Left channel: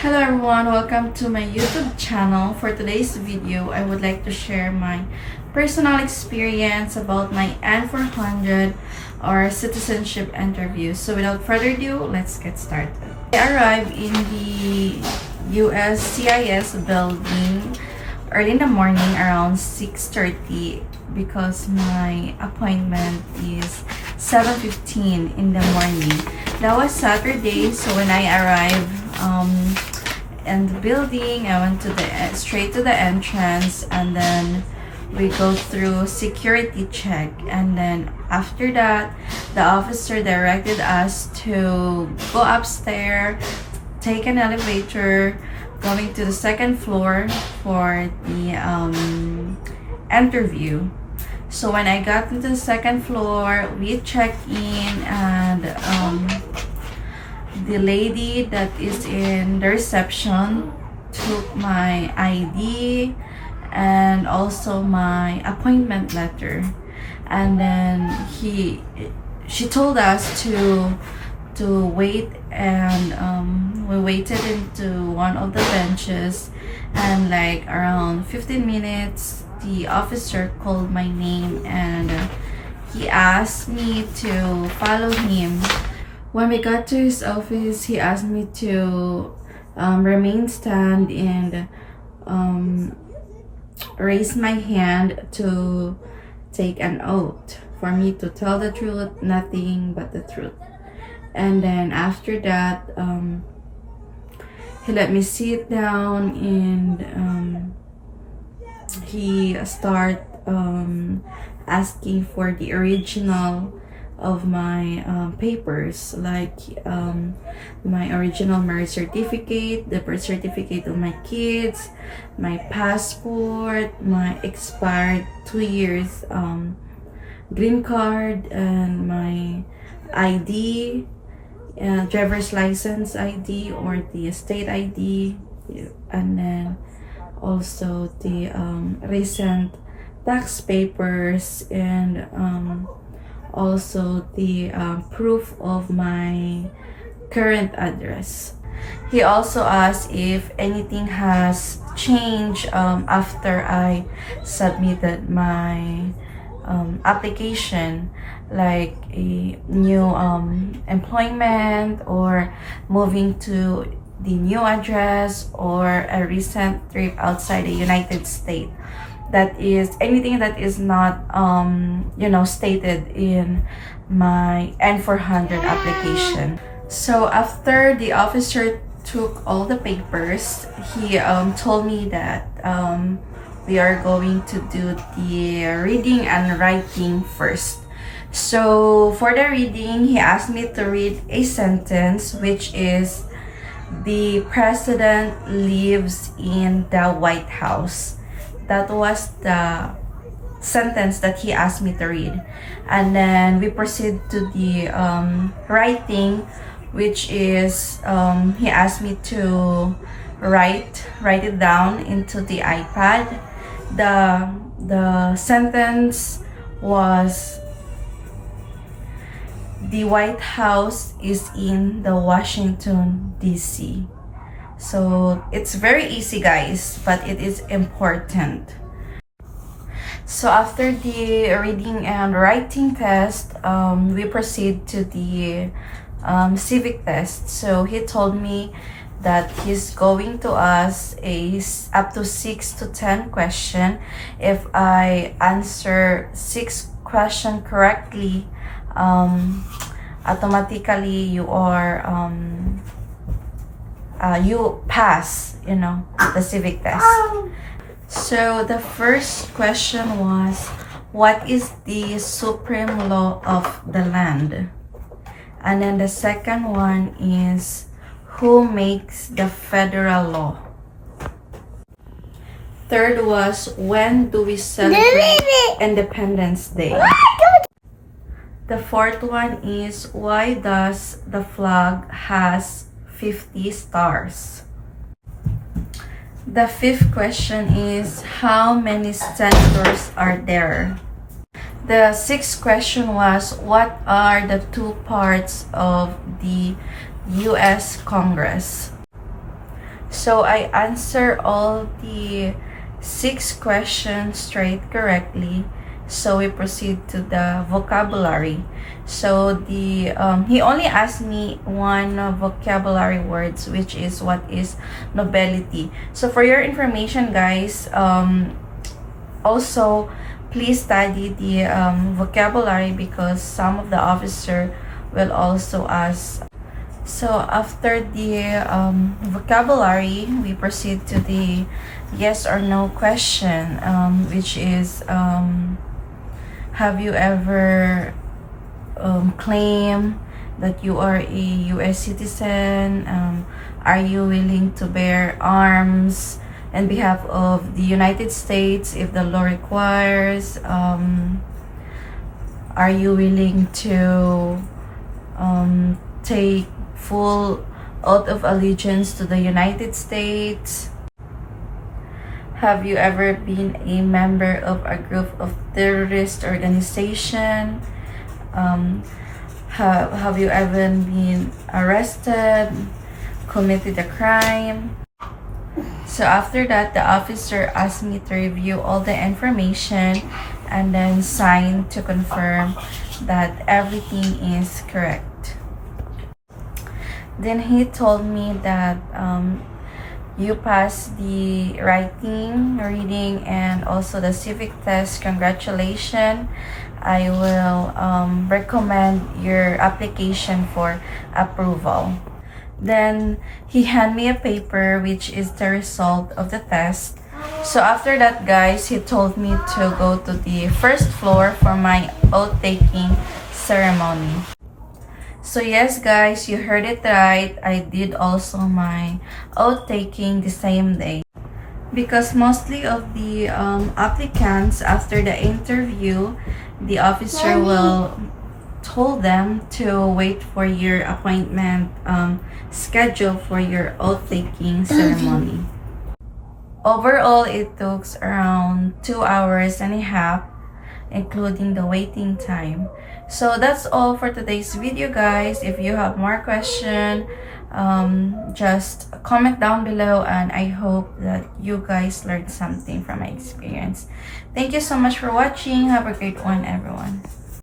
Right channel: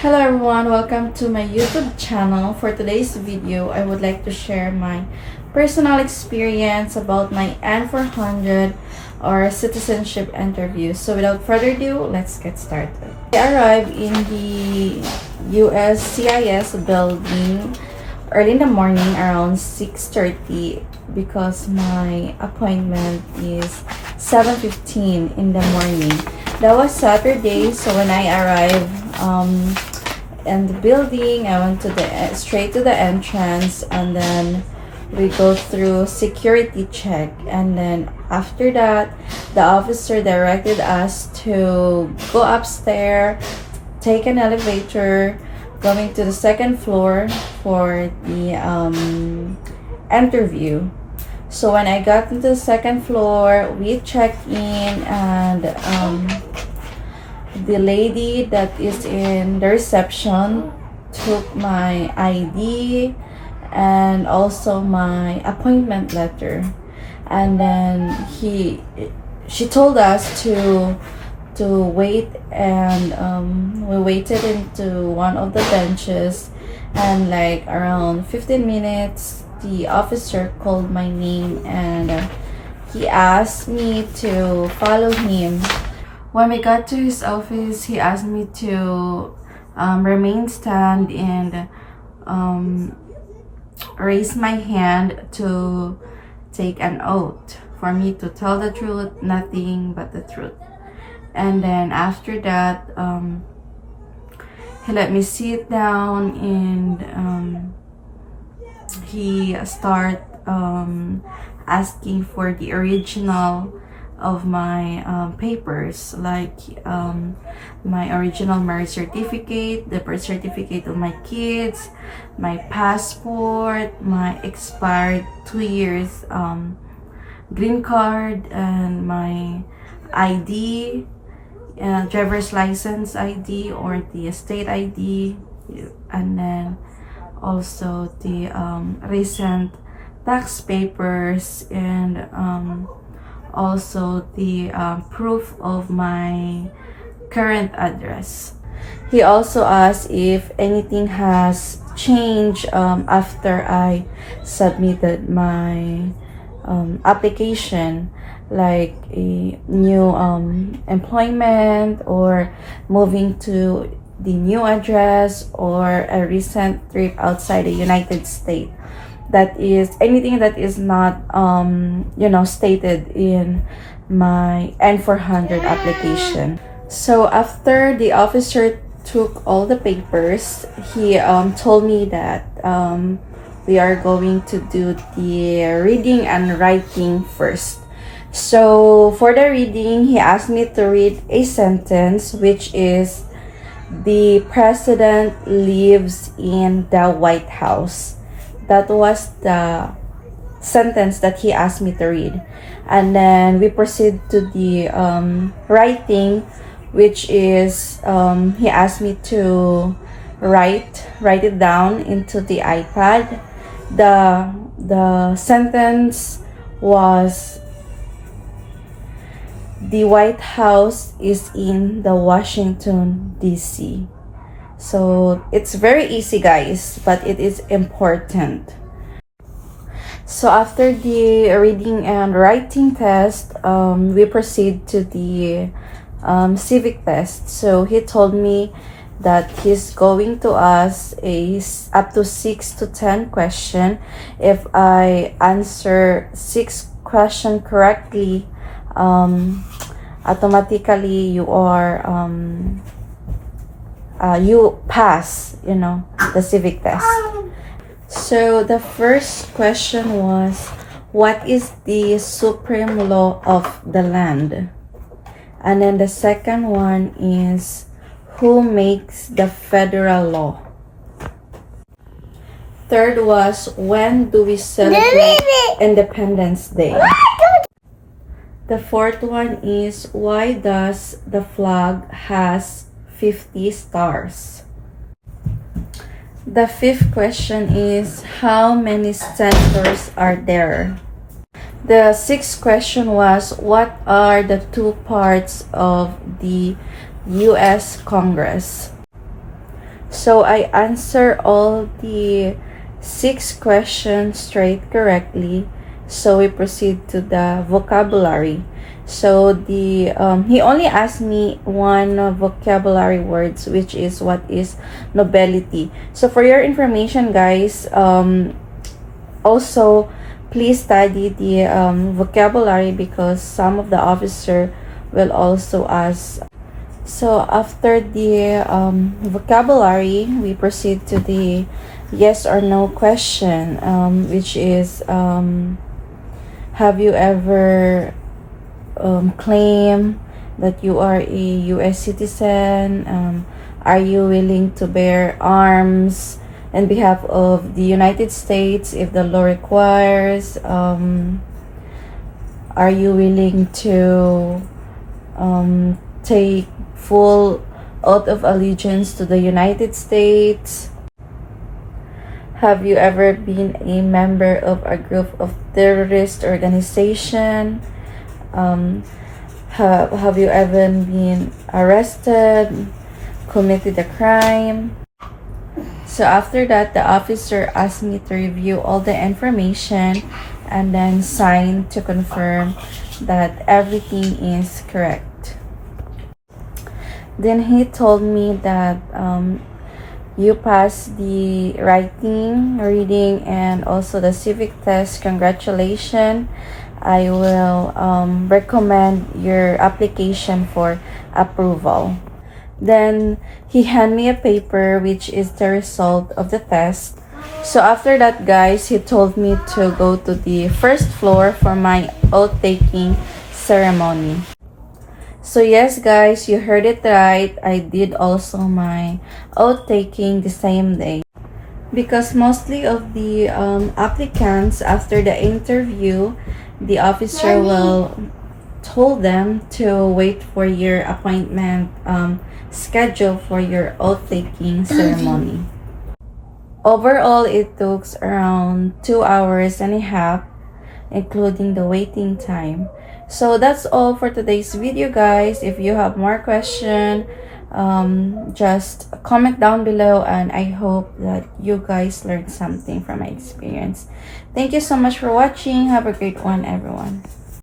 Hello everyone, welcome to my YouTube channel. For today's video, I would like to share my personal experience about my N-400 or citizenship interview. So without further ado, let's get started. I arrived in the USCIS building early in the morning around 6:30 because my appointment is 7:15 in the morning. That was Saturday, so when I arrived in the building, I went to straight to the entrance, and then we go through security check, and then after that, the officer directed us to go upstairs, take an elevator, going to the second floor for the interview. So when I got to the second floor, we checked in, and the lady that is in the reception took my ID and also my appointment letter, and then she told us to wait, and we waited into one of the benches, and like around 15 minutes the officer called my name, and he asked me to follow him. When we got to his office, he asked me to remain stand and raise my hand to take an oath for me to tell the truth, nothing but the truth. And then after that, he let me sit down, and he start asking for the original of my papers, like my original marriage certificate, the birth certificate of my kids, my passport, my expired 2 years green card, and my ID, driver's license ID or the state ID, and then also the recent tax papers, and also the proof of my current address. He also asked if anything has changed after I submitted my application, like a new employment, or moving to the new address, or a recent trip outside the United States. That is anything that is not stated in my N-400 application. So after the officer took all the papers, he told me that we are going to do the reading and writing first. So for the reading, he asked me to read a sentence, which is, "The president lives in the White House." That was the sentence that he asked me to read. And then we proceed to the writing, which is, he asked me to write it down into the iPad. The sentence was, "The White House is in the Washington, D.C." So it's very easy, guys, but it is important. So after the reading and writing test, we proceed to the civic test. So he told me that he's going to ask up to 6 to 10 questions. If I answer 6 questions correctly, automatically you pass, the civic test. So the first question was, what is the supreme law of the land? And then the second one is, who makes the federal law? Third was, when do we celebrate Independence Day? The fourth one is, why does the flag has 50 stars? The fifth question is, how many senators are there? The sixth question was, what are the two parts of the U.S. Congress? So I answer all the 6 questions straight correctly. So we proceed to the vocabulary. So the he only asked me one vocabulary words, which is what is nobility. So for your information, guys, also please study the vocabulary, because some of the officer will also ask. So after the vocabulary, we proceed to the yes or no question, which is have you ever claimed that you are a U.S. citizen? Are you willing to bear arms on behalf of the United States if the law requires? Are you willing to take full oath of allegiance to the United States? Have you ever been a member of a group of terrorist organization? Have you ever been arrested, committed a crime? So after that, the officer asked me to review all the information and then sign to confirm that everything is correct. Then he told me that you passed the writing, reading, and also the civic test. Congratulations. I will recommend your application for approval. Then he handed me a paper which is the result of the test. So after that, guys, he told me to go to the first floor for my oath-taking ceremony. So yes, guys, you heard it right. I did also my oath-taking the same day. Because mostly of the applicants, after the interview, the officer will told them to wait for your appointment schedule for your oath-taking ceremony. Overall, it took around 2 hours and a half, including the waiting time. So that's all for today's video, guys. If you have more questions, just comment down below, and I hope that you guys learned something from my experience. Thank you so much for watching. Have a great one, everyone.